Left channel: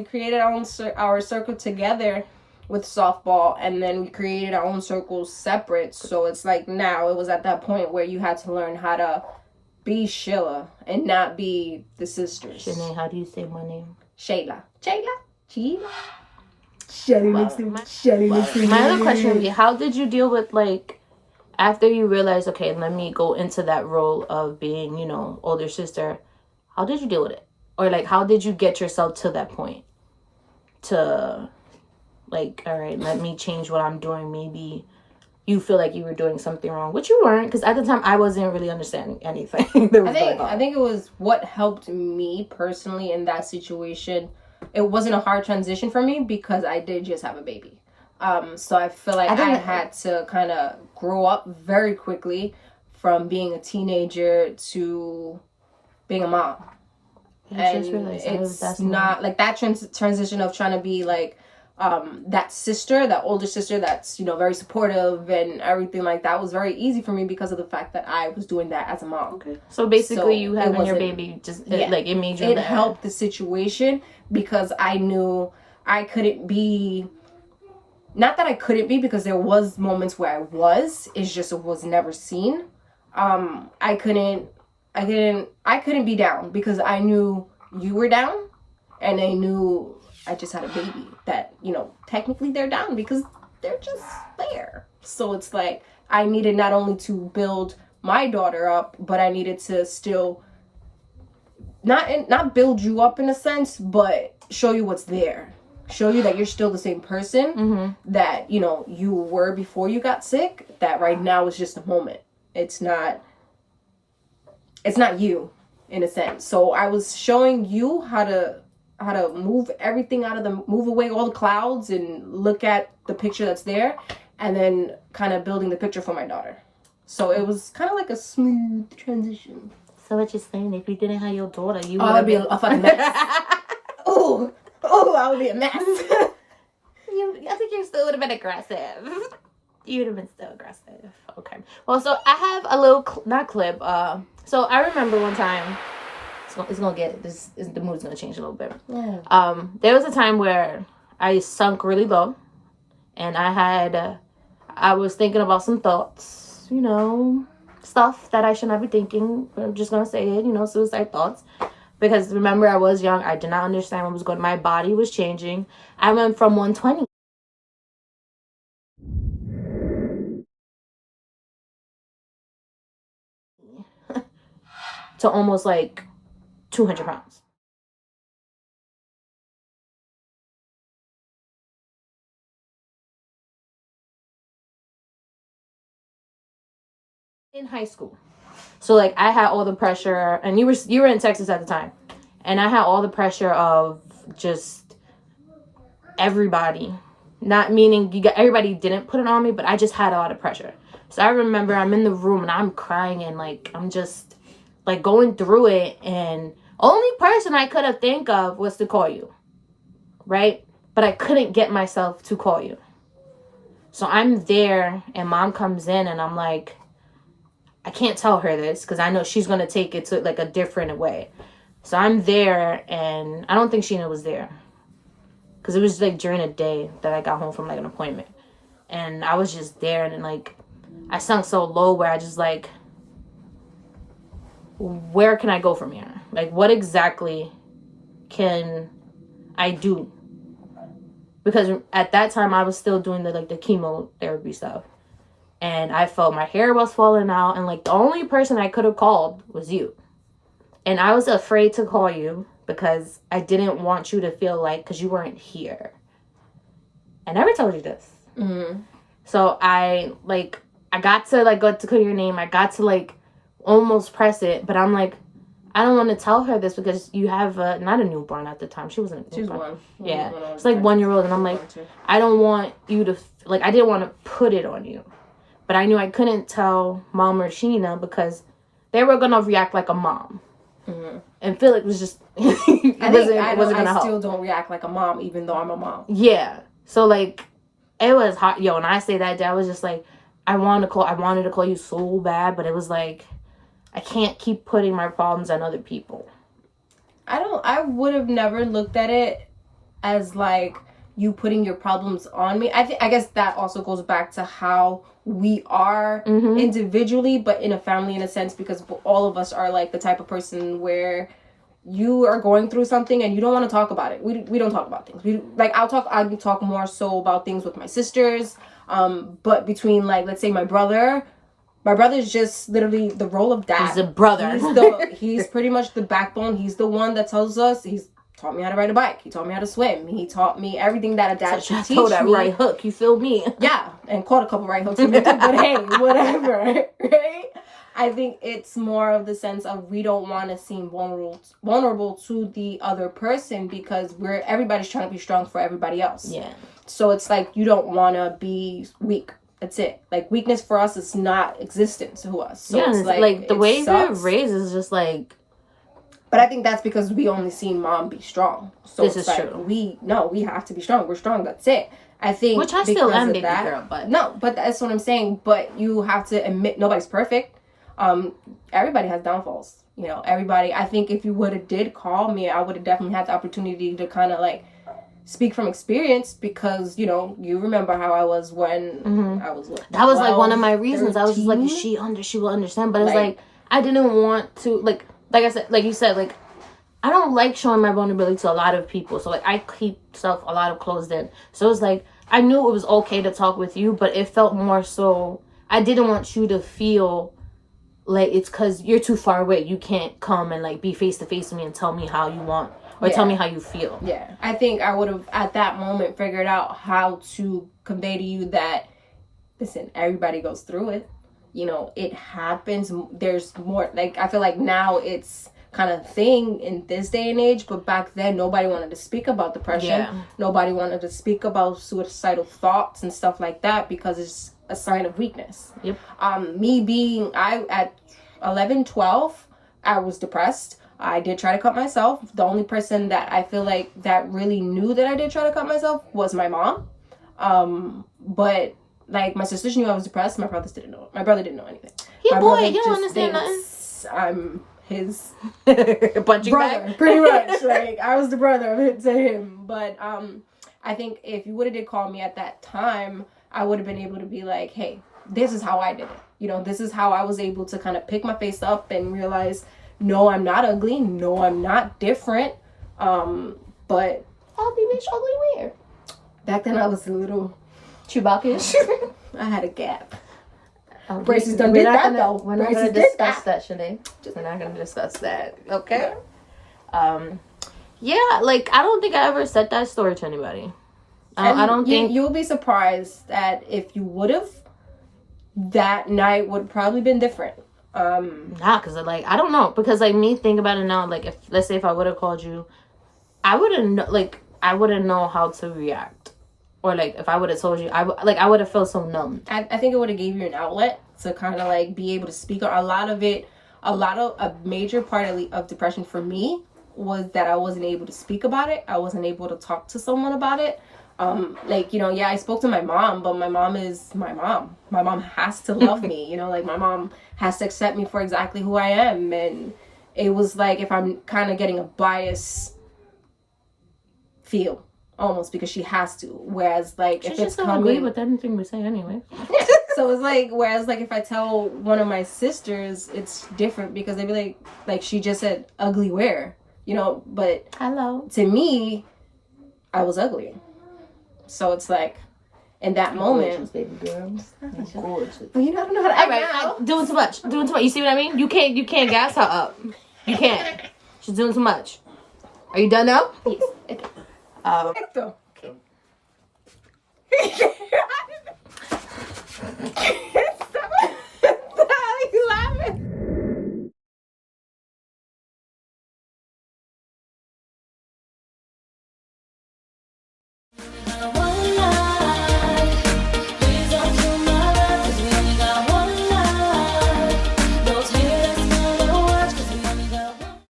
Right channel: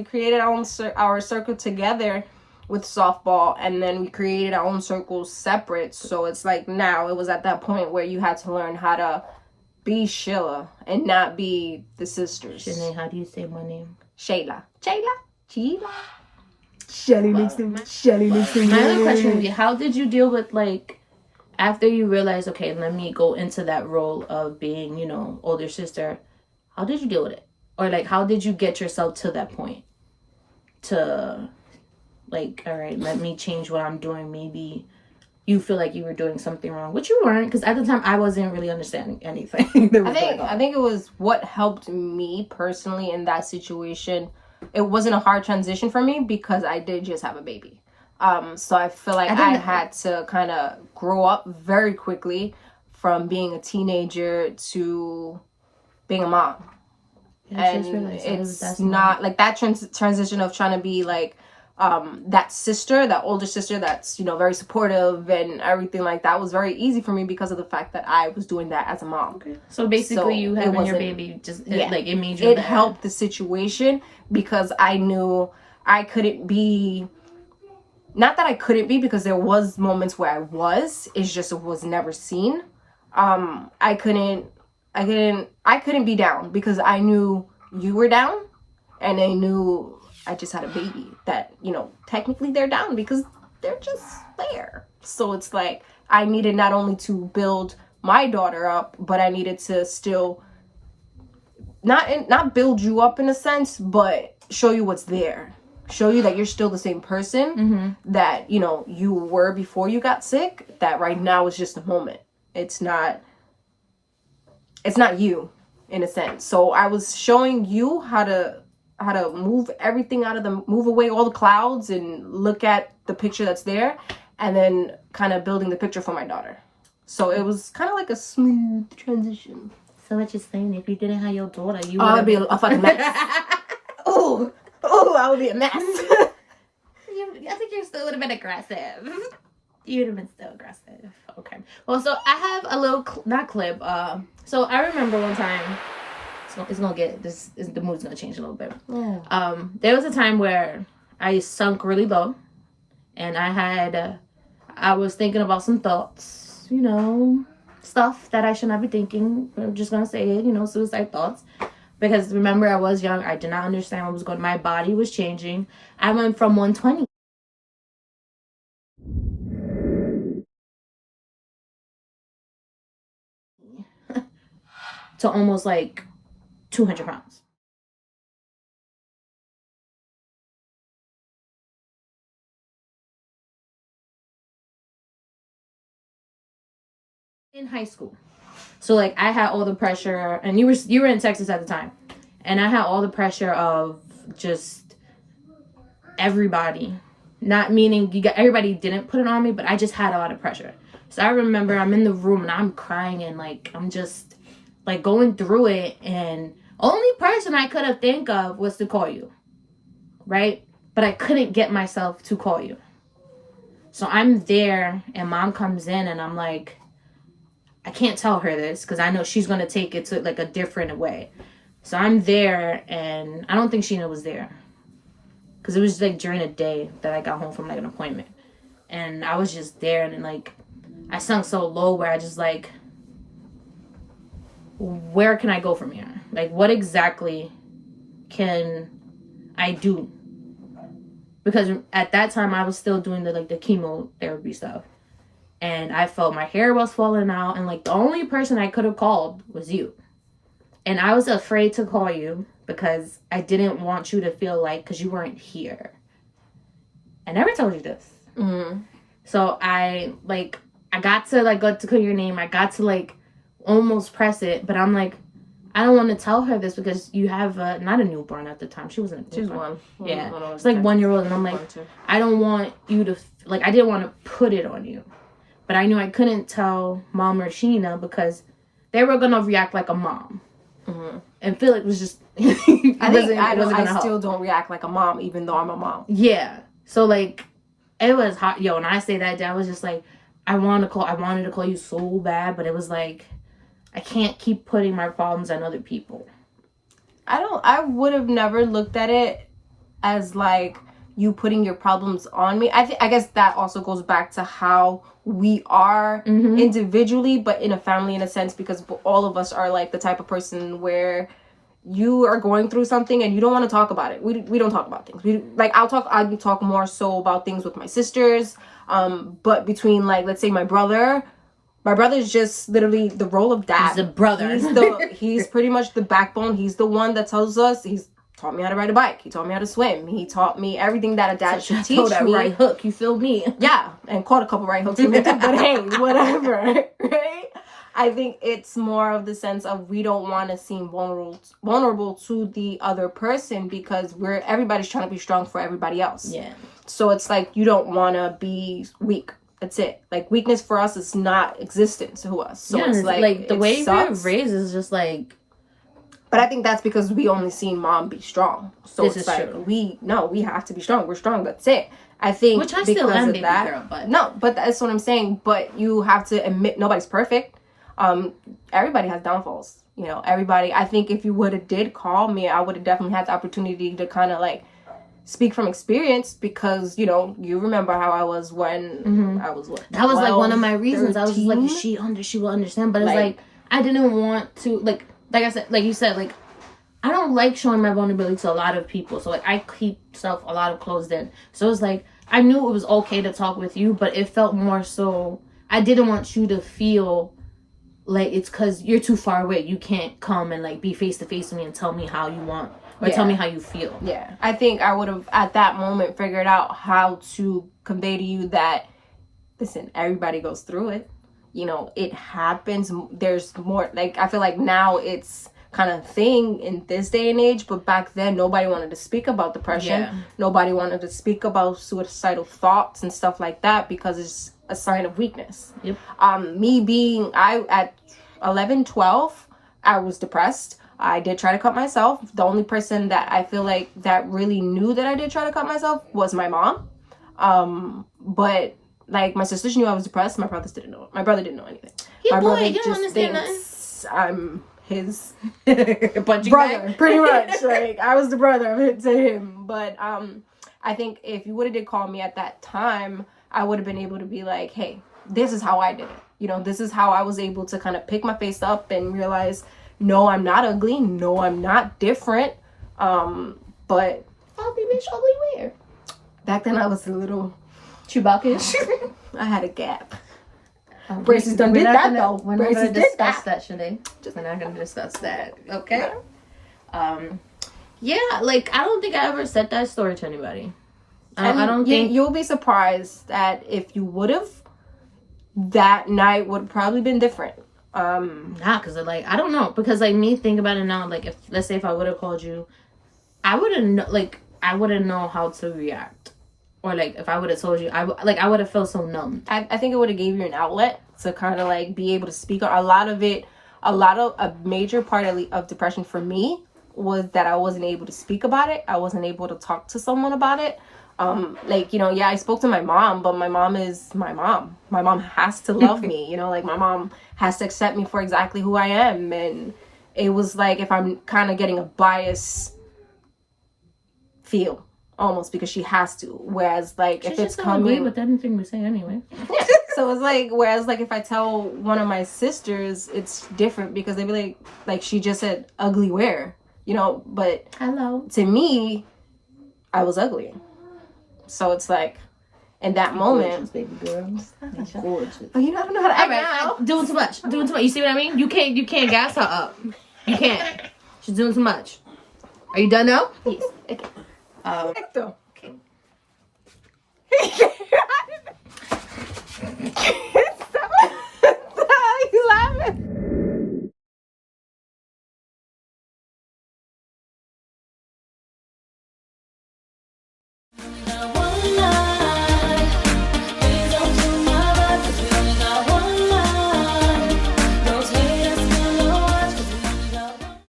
we created our circle together with softball, and then we created our own circles separate. So it's like now it was at that point where you had to learn how to be Sheila and not be the sisters. Shanee, how do you say my name? Shayla. Shanee makes it. My other question is, how did you deal with, like, after you realized, okay, let me go into that role of being, you know, older sister, how did you deal with it? Or, like, how did you get yourself to that point? To, like, all right, let me change what I'm doing. Maybe you feel like you were doing something wrong, which you weren't, because at the time I wasn't really understanding anything that was going on. I think it was what helped me personally in that situation. It wasn't a hard transition for me because I did just have a baby. So I feel like I had to kind of grow up very quickly from being a teenager to being a mom. And it's not like that transition of trying to be like that sister, that older sister that's, you know, very supportive and everything like that was very easy for me because of the fact that I was doing that as a mom. Okay. So basically you having your baby just like it made you helped the situation because I knew I couldn't be, not that I couldn't be, because there was moments where I was, it's just it was never seen. I couldn't be down because I knew you were down, and I knew I just had a baby that, you know, technically they're down because they're just there. So it's like I needed not only to build my daughter up, but I needed to still not build you up in a sense, but show you what's there. Show you that you're still the same person that, you know, you were before you got sick, that right now is just a moment. It's not you in a sense. So I was showing you how to move everything move away all the clouds and look at the picture that's there, and then kind of building the picture for my daughter. So it was kind of like a smooth transition. So what you're saying, if you didn't have your daughter, you would be a fucking mess. Oh, I would be a mess. I think you still would have been aggressive. You would have been still aggressive. Okay. Well, so I have a little, not clip. So I remember one time, it's gonna get, the mood's gonna change a little bit. Yeah. There was a time where I sunk really low, and I was thinking about some thoughts, you know, stuff that I should not be thinking. I'm just gonna say it, you know, suicide thoughts. Because remember, I was young. I did not understand what was going on. My body was changing. I went from 120 to almost like 200 pounds. In high school. So like I had all the pressure, and you were in Texas at the time, and I had all the pressure of just everybody, not meaning everybody didn't put it on me, but I just had a lot of pressure. So I remember I'm in the room and I'm crying, and like I'm just like going through it, and only person I could have think of was to call you, right? But I couldn't get myself to call you. So I'm there, and mom comes in, and I'm like, I can't tell her this because I know she's going to take it to like a different way. So I'm there, and I don't think Sheena was there because it was like during the day that I got home from like an appointment, and I was just there, and like I sunk so low where I just like, where can I go from here? Like, what exactly can I do? Because at that time I was still doing the chemotherapy stuff. And I felt my hair was falling out. And, like, the only person I could have called was you. And I was afraid to call you because I didn't want you to feel like, because you weren't here. I never told you this. Mm-hmm. So I got to, like, go to call your name. I got to, like, almost press it. But I'm like, I don't want to tell her this because you have not a newborn at the time. She wasn't a newborn. She was one. Yeah. It's like 1 year old. And I'm like, I don't want you to, like, I didn't want to put it on you. But I knew I couldn't tell Mom or Sheena because they were going to react like a mom. Mm-hmm. And Philip was just, I still don't react like a mom, even though I'm a mom. Yeah. So, like, it was hot. Yo, when I say that, Dad was just like, I wanted to call you so bad, but it was like, I can't keep putting my problems on other people. I would have never looked at it as like you putting your problems on me. I guess that also goes back to how we are individually, but in a family in a sense, because all of us are like the type of person where you are going through something and you don't want to talk about it. We don't talk about things. I talk more so about things with my sisters. But between like, let's say my brother is just literally the role of dad. He's a brother. He's pretty much the backbone. He's the one that tells us. He's taught me how to ride a bike. He taught me how to swim. He taught me everything that a dad should teach that me. Right hook, you feel me? Yeah, and caught a couple right hooks in me too, but hey, whatever, right? I think it's more of the sense of we don't want to seem vulnerable to the other person because everybody's trying to be strong for everybody else. Yeah. So it's like you don't want to be weak. That's it. Like weakness for us is not existent to us. So yeah, it's like the way we're raised is just like. But I think that's because we only seen mom be strong. So this it's is like true. we have to be strong. We're strong. That's it. I think which I still am, baby girl. But no, but that's what I'm saying. But you have to admit nobody's perfect. Everybody has downfalls. You know, everybody. I think if you would have did call me, I would have definitely had the opportunity to kind of like speak from experience because you know you remember how I was when I was. What, that was 12, like one of my reasons. 13? I was just like, she will understand, but it's like I didn't want to like I said, like you said, like I don't like showing my vulnerability to a lot of people. So like I keep stuff a lot of closed in. So it's like I knew it was okay to talk with you, but it felt more so I didn't want you to feel like it's because you're too far away. You can't come and like be face to face with me and tell me how you want or tell me how you feel. Yeah. I think I would have at that moment figured out how to convey to you that, listen, everybody goes through it. You know, it happens. There's more like I feel like now it's kind of thing in this day and age, but back then nobody wanted to speak about depression. Yeah. Nobody wanted to speak about suicidal thoughts and stuff like that because it's a sign of weakness. Yep. Me being at 11, 12, I was depressed. I did try to cut myself. The only person that I feel like that really knew that I did try to cut myself was my mom. But like my sisters knew I was depressed. My brothers didn't know. My brother didn't know anything. Yeah, my boy, brother you don't understand nothing. I'm his punching brother, bag. pretty much. Like I was the brother to him. But I think if you would have did call me at that time, I would have been able to be like, hey, this is how I did it. You know, this is how I was able to kind of pick my face up and realize, no, I'm not ugly. No, I'm not different. But ugly bitch, ugly where? Back then I was a little Chewbacca-ish. I had a gap. Braces done did that though. We're not going to discuss that, Shanee. We're not going to discuss that. Okay? Yeah, like, I don't think I ever said that story to anybody. I don't think... You'll be surprised that if you would have, that night would have probably been different. Because, like, I don't know. Because, like, me think about it now, like, if let's say if I would have called you, I wouldn't know how to react. Or, like, if I would have told you, I would have felt so numb. I think it would have gave you an outlet to kind of, like, be able to speak on a major part of depression for me was that I wasn't able to speak about it. I wasn't able to talk to someone about it. Like, you know, yeah, I spoke to my mom, but my mom is my mom. My mom has to love me, you know, like, my mom has to accept me for exactly who I am. And it was like if I'm kind of getting a bias feel. Almost because she has to. Whereas, like, if it's coming... agree with anything we say anyway. So it's like, whereas, like, if I tell one of my sisters, it's different because they'd be like, she just said ugly where? You know, but... Hello. To me, I was ugly. So it's like, in that moment... Gorgeous, baby girl. Gorgeous. But you don't know how to act now. Doing too much. You see what I mean? You can't gas her up. You can't. She's doing too much. Are you done now? Yes. Okay. Okay.